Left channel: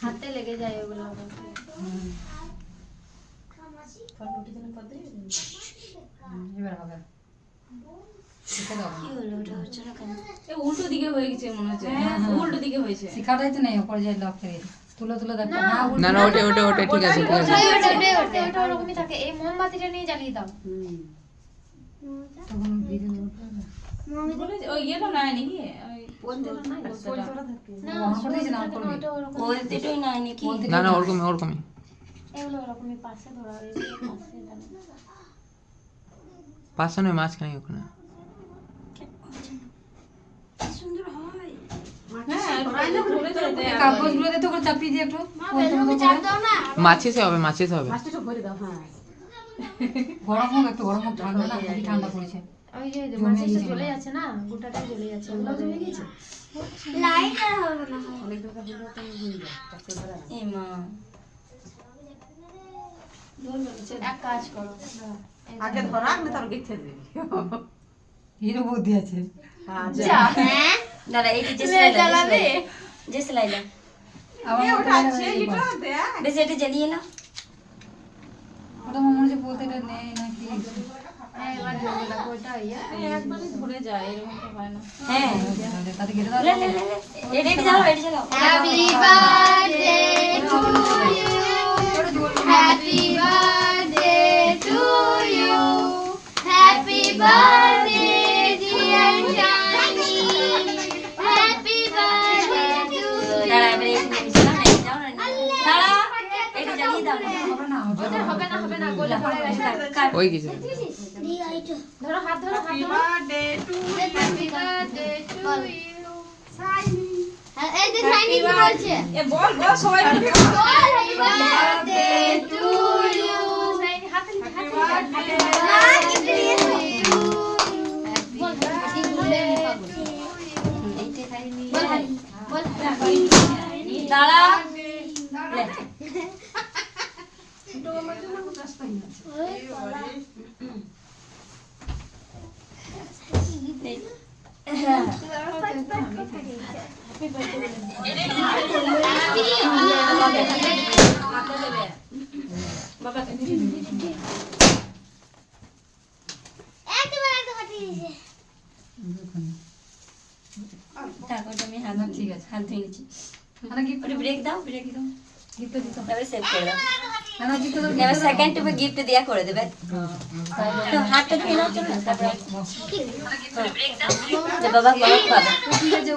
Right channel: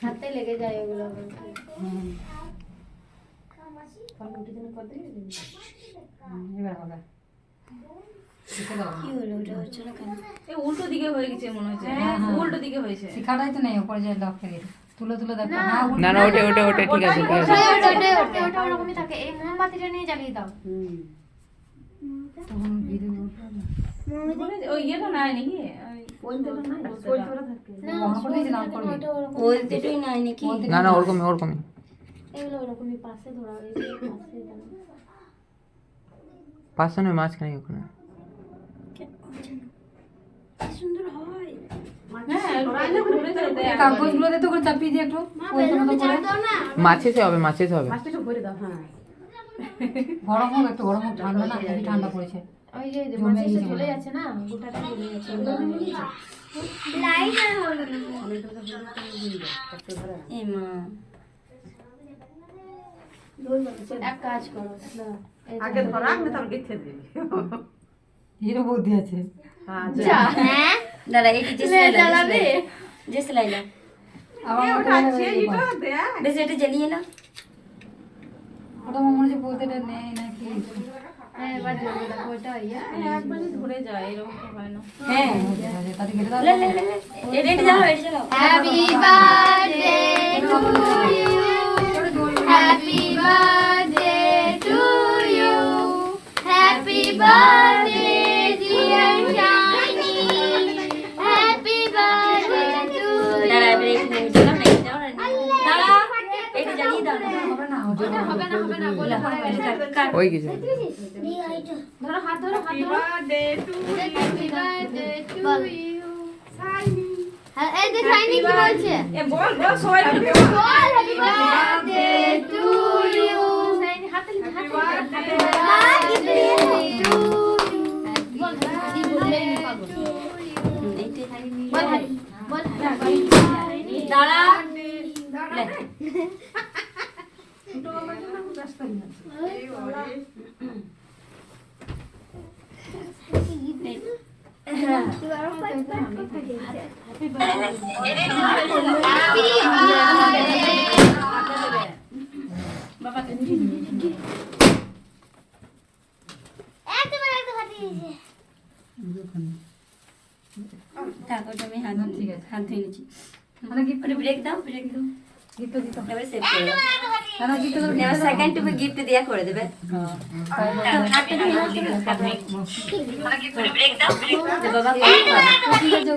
হাতে লেগে যায় এগুলো। এবার হবে কি হলো ওটা হচ্ছে না কেন? উল্টো দিকে হয়ে গেছে মনে হচ্ছে। উল্টো দিকে হয়েছে। শিখাটাই তো নেই ওপরে যে লক থাকে তুলে তুলে দেখো না না না ওটা ওটা ওটা ঠিক আছে ঠিক আছে ওটা ওরকমই থাকে। এই মোমবাতিটা নিয়ে জ্বালিয়ে দাও। তখন ভিডিও ওই ইয়েটা নাই নাকি? না অন করে দিয়েছিলাম করবি ওটা ওরকম বলতেটাই নাই নাকি? না না ওরকমই ওরকমই এগুলো ওরকমই পাশে ধরা হয়, এই যে পাশে দাও। পাশে নয় মাঝখানে ওখানে কি সুন্দর হয়। হ্যাঁ, ঘুরে যায় দেখ। কাগজগুলো দিয়ে তো করে চাপিয়ে দিয়ে একটু বলতে মতো করে মাছেতে হবে মাছেতে হবে গরম হোক একটু গরম হোক ঠান্ডা না খুবই ঠান্ডা পড়েছে ওই যে মাছিটা জ্বলে যাচ্ছে না, গোটাটা জ্বলে যাচ্ছে। লাইট আর হবে না। এই মা এক কাজ করো, দাঁড়াও। এই যে- আগে ধরা আগে তার গেছে দিবি হিরো বুদ্ধি আছে যা। হ্যাঁ দাঁড়া এইটা যে জ্বালাবে যে সেলাইলা আবার ওটা আছে এটা দে বেশ এটা জ্বালিয়ে না ওটা মনে হচ্ছে বলতে এটা নেই নাকি হ্যাঁ, এবার জ্বলবে, দেখো ওটা ইয়ে। একবার ঘুরে যায়, এরকম তো হয় না। হ্যাঁ তাতে ঘিরে দাও এটা জ্বালাও এটা জ্বালাও Happy birthday to you. Happy birthday to you. Happy birthday dear Johnny. Happy birthday to দাঁড়া এবারে you. এটা জ্বালাও না এটা দাও না দাঁড়া এটা জ্বালিয়ে দাও না হবে না ওটা হবে না, হবে না, গলে পড়ে গেছে। ওই কিছু ধরো, হাত ধরো, হাত ধরো। Birthday to Happy birthday to you. হ্যাঁ, এই যে শাইনি কি বলছে? এ বল বল সবাই মিলে Happy birthday to you. Shiny হাতে লিখে, হাতে লিখে, হাতে লিখে। মা, কি দিয়ে? বল, হাতে বলে পাবো। এইটা খালি নিয়ে বল, বল, দাঁড়া তারপর আমি হাত ঠিক আছে হাত ধুয়ে নিচ্ছি মানে কি ওটা ব্রেক দাও গিফট দিতে এবারে সেভ করে দাও না গিফট দাও এবার সেকেন্ড টুবে গিফট দিয়া করে দেবে তো হাতটা ধুয়ে নাও চলো তারপরে বাবা করে পাবে